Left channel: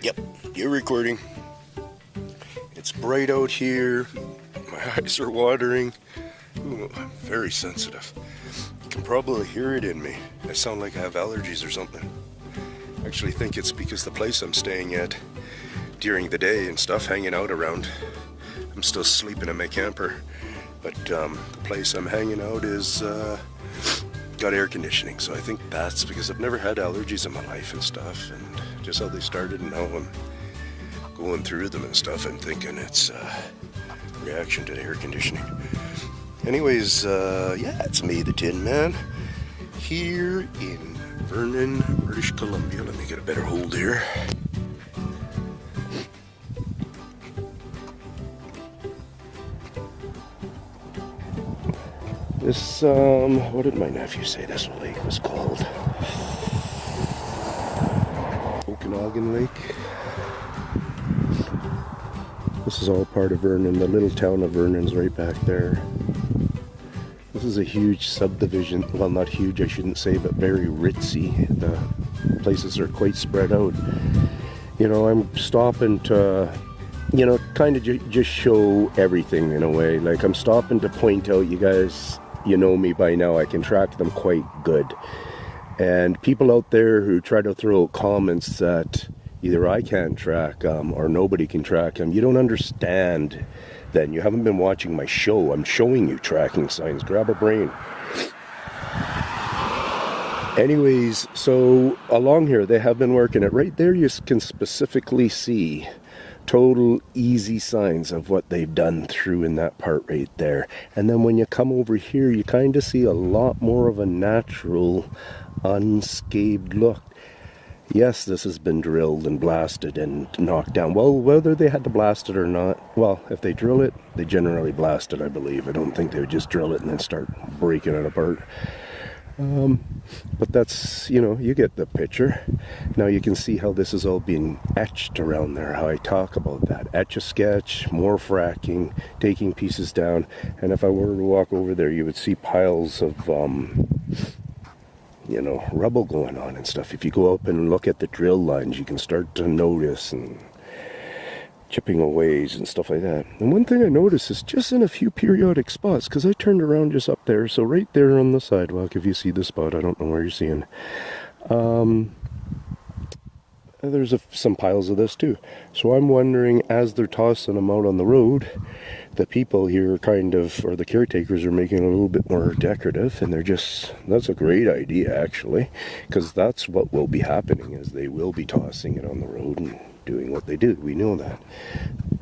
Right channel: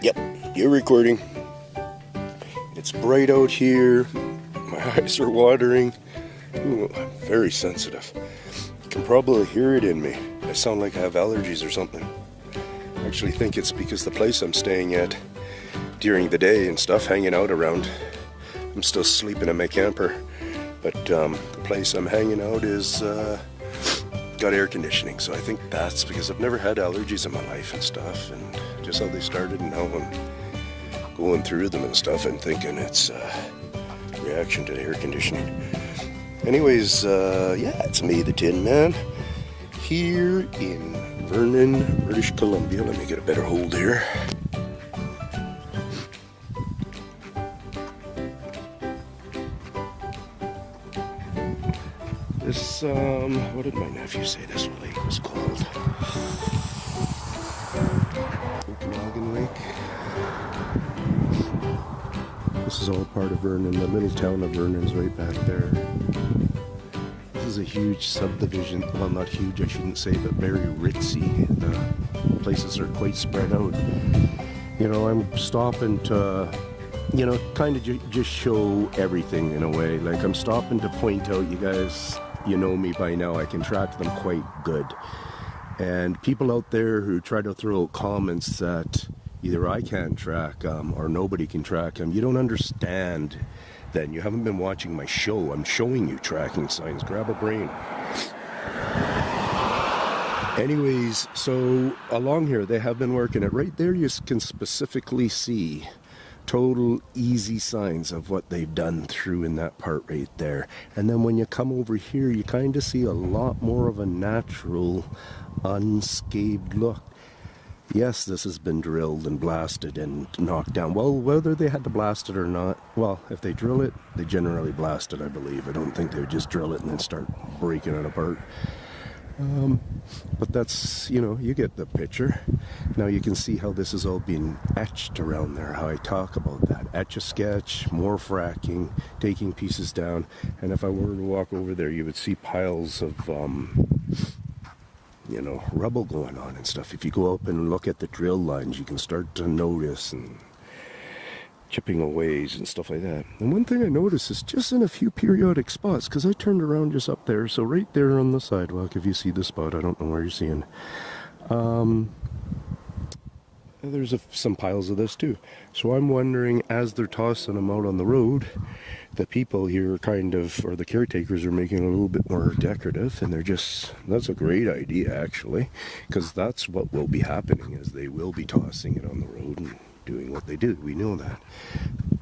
Yep, you're recording. It's bright out here. My eyes are watering. Ooh, I'm very sensitive. You can probably hear it in me. I sound like I have allergies or something. I actually think it's because the place I'm staying at during the day and stuff, hanging out around. I'm still sleeping in my camper, but the place I'm hanging out is got air conditioning, so I think that's because I've never had allergies in my life and stuff, and just how they started and how I'm going through them and stuff, I'm thinking it's a reaction to the air conditioning. Anyways, yeah, it's me, the Tin Man, here in Vernon, British Columbia. Let me get a better hold here. This, what did my nephew say this lake was called? Okanagan Lake. This is all part of Vernon. The little town of Vernon's right back there. This is a huge subdivision. Well, not huge, I shouldn't say, but very ritzy. The places are quite spread out. You know, I'm stopping to, you know, kind of just show everything in a way. Like, I'm stopping to point out, you guys, you know me by now, I can track them quite good. And people out there who try to throw out comments that either I can't track or nobody can track them, you don't understand then. You haven't been watching my show. I'm showing you tracking signs. Grab a brain. Anyways, so along here they have been working it. Right there you can specifically see total easy signs of what they've done through in that part right there. And then when you come over here, you kind of see a lot more of a natural, unscathed look. Yes, this has been drilled and blasted and knocked down. Well, whether they had to blast it or not, well, if they drill it, they generally blast it, I believe. I don't think they would just drill it and then start breaking it apart. But that's, you know, you get the picture. Now you can see how this is all being etched around there, how I talk about that. Etch-a-sketch, more fracking, taking pieces down. And if I were to walk over there, you would see piles of, you know, rubble going on and stuff. If you go up and look at the drill lines, you can start to notice and chipping aways and stuff like that. And one thing I noticed is just in a few periodic spots, because I turned around just up there, so right there on the sidewalk, if you see the spot, I don't know where you're seeing, there's some piles of this too. So I'm wondering, as they're tossing them out on the road, the people here kind of, or the caretakers, are making it a little bit more decorative, and they're just, that's a great idea actually, because that's what will be happening, is they will be tossing it on the road and doing what they do. We know that,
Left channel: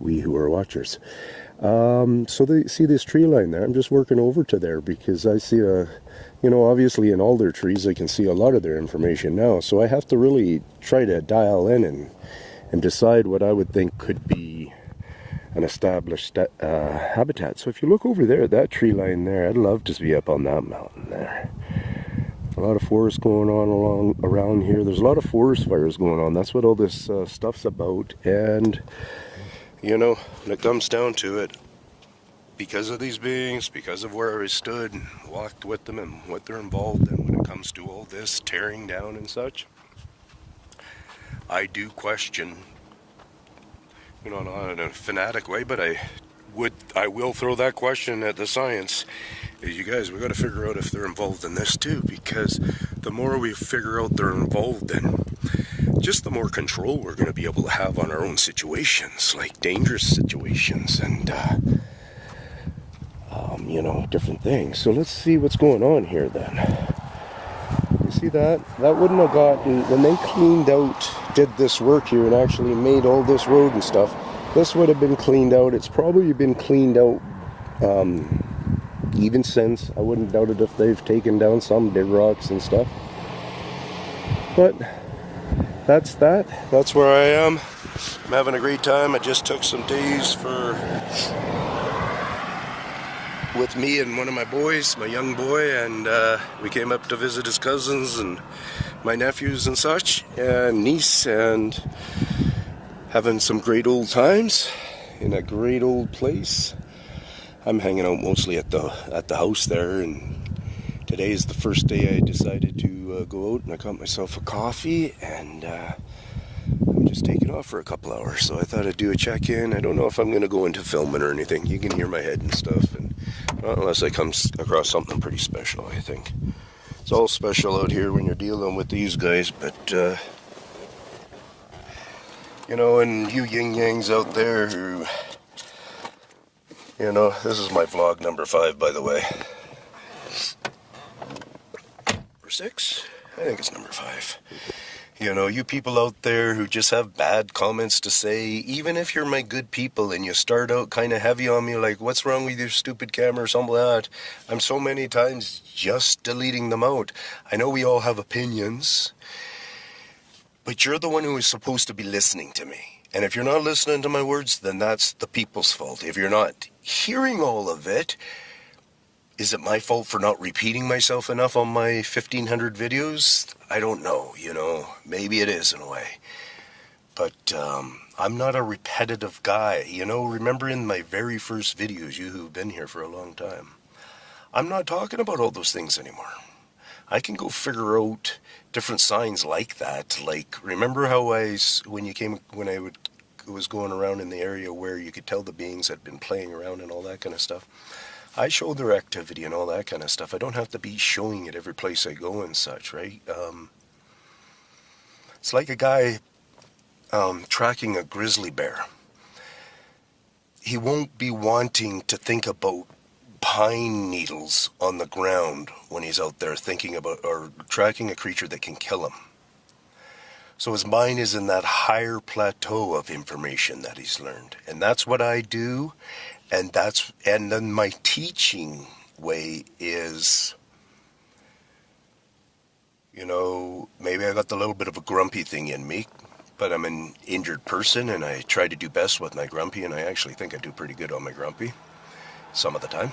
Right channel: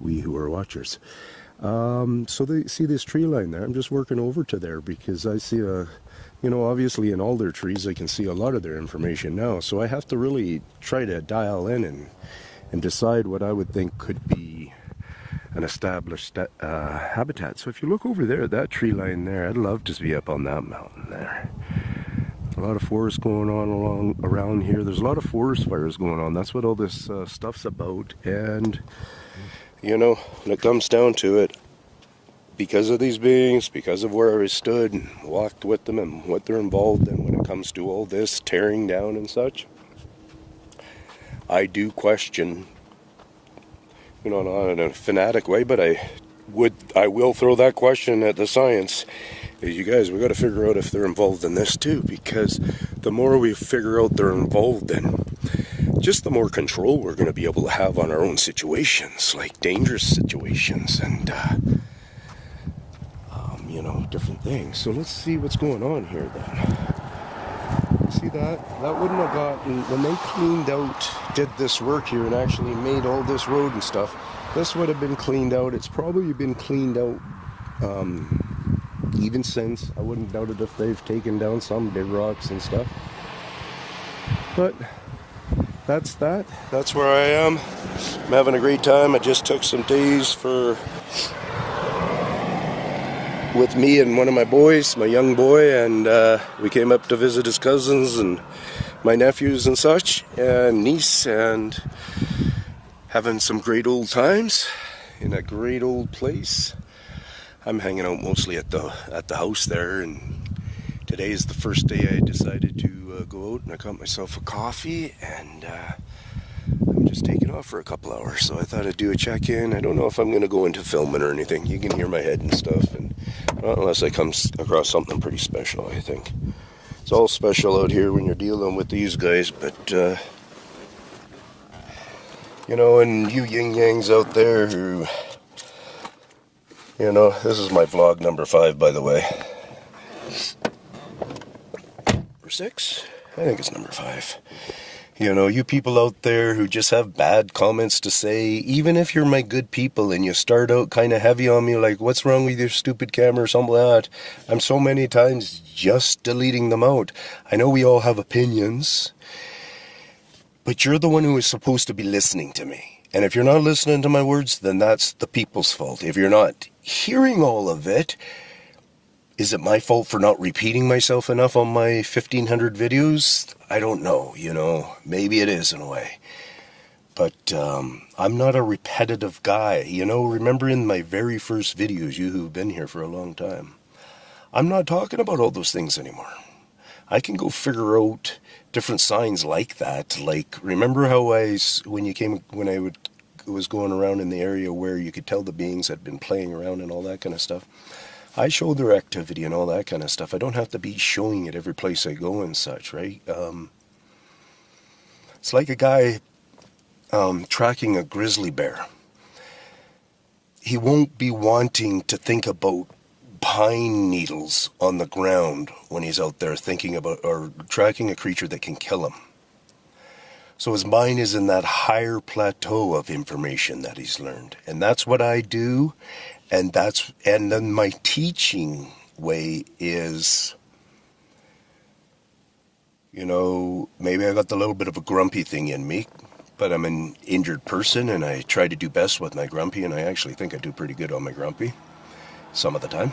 we who are watchers. So they see this tree line there. I'm just working over to there because I see a, you know, obviously in all their trees I can see a lot of their information now, so I have to really try to dial in and decide what I would think could be an established habitat. So if you look over there, that tree line there, I'd love to be up on that mountain there. A lot of forest going on around here. There's a lot of forest fires going on. That's what all this stuff's about. And, you know, when it comes down to it, because of these beings, because of where I stood and walked with them and what they're involved in when it comes to all this tearing down and such, I do question, you know, not in a fanatic way, but I will throw that question at the science. You guys, we got to figure out if they're involved in this too, because the more we figure out they're involved in, just the more control we're going to be able to have on our own situations, like dangerous situations and, you know, different things. So let's see what's going on here then. You see that? That wouldn't have gotten, when they cleaned out, did this work here and actually made all this road and stuff, this would have been cleaned out. It's probably been cleaned out, even since. I wouldn't doubt it if they've taken down some big rocks and stuff. But that's that. That's where I am. I'm having a great time. I just took some days with me and one of my boys, my young boy, and we came up to visit his cousins and my nephews and such, and niece, and having some great old times in a great old place. I'm hanging out mostly at the house there, and today is the first day I decided to go out, and I got myself a coffee, and I'm just taking off for a couple hours, so I thought I'd do a check-in. I don't know if I'm going to go into filming or anything. You can hear my head and stuff, and unless I come across something pretty special, I think. It's all special out here when you're dealing with these guys, but, you know, and you yin-yangs out there who, you know, this is my vlog number 5, by the way. Or 6? I think it's number 5. You know, you people out there who just have bad comments to say, even if you're my good people and you start out kind of heavy on me, like, what's wrong with your stupid camera or something like that, I'm so many times just deleting them out. I know we all have opinions, but you're the one who is supposed to be listening to me. And if you're not listening to my words, then that's the people's fault. If you're not hearing all of it, is it my fault for not repeating myself enough on my 1,500 videos? I don't know, you know. Maybe it is in a way. But I'm not a repetitive guy. You know, remember in my very first videos, you who've been here for a long time, I'm not talking about all those things anymore. I can go figure out different signs like that. Like, remember how when I was going around in the area where you could tell the beings had been playing around and all that kind of stuff? I show their activity and all that kind of stuff. I don't have to be showing it every place I go and such, right? It's like a guy tracking a grizzly bear. He won't be wanting to think about pine needles on the ground when he's out there thinking about or tracking a creature that can kill him. So his mind is in that higher plateau of information that he's learned. And that's what I do. And then my teaching way is, you know, maybe I got the little bit of a grumpy thing in me, but I'm an injured person and I try to do best with my grumpy, and I actually think I do pretty good on my grumpy some of the time.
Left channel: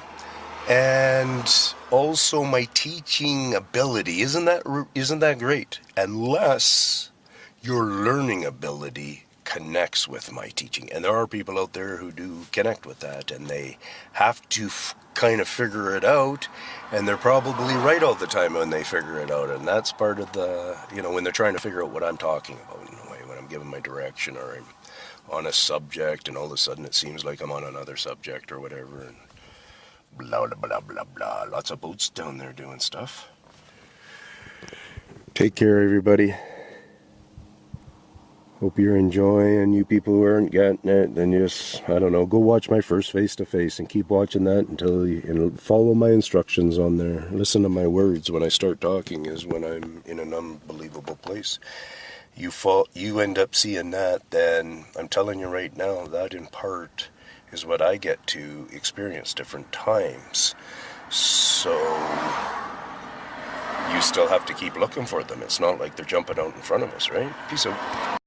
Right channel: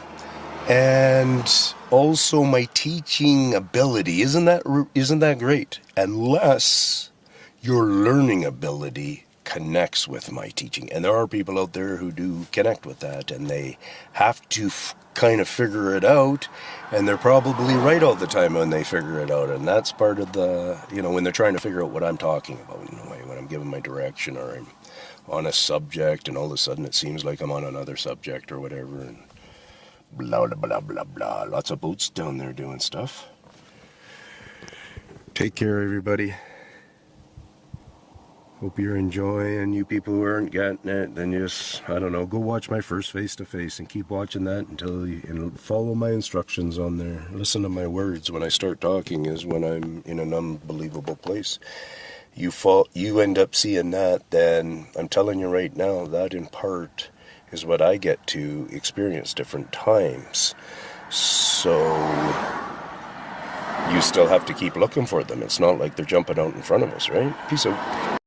And also my teaching ability, isn't that great? Unless your learning ability connects with my teaching. And there are people out there who do connect with that, and they have to kind of figure it out, and they're probably right all the time when they figure it out. And that's part of the, you know, when they're trying to figure out what I'm talking about in a way, when I'm giving my direction or I'm on a subject and all of a sudden it seems like I'm on another subject or whatever, and blah, blah, blah, blah, blah. Lots of boats down there doing stuff. Take care, everybody. Hope you're enjoying. You people who aren't getting it, then just, I don't know, go watch my first face-to-face and keep watching that until you follow my instructions on there. Listen to my words when I start talking is when I'm in an unbelievable place. You end up seeing that, then I'm telling you right now, that in part is what I get to experience different times. So you still have to keep looking for them. It's not like they're jumping out in front of us, right? Peace out.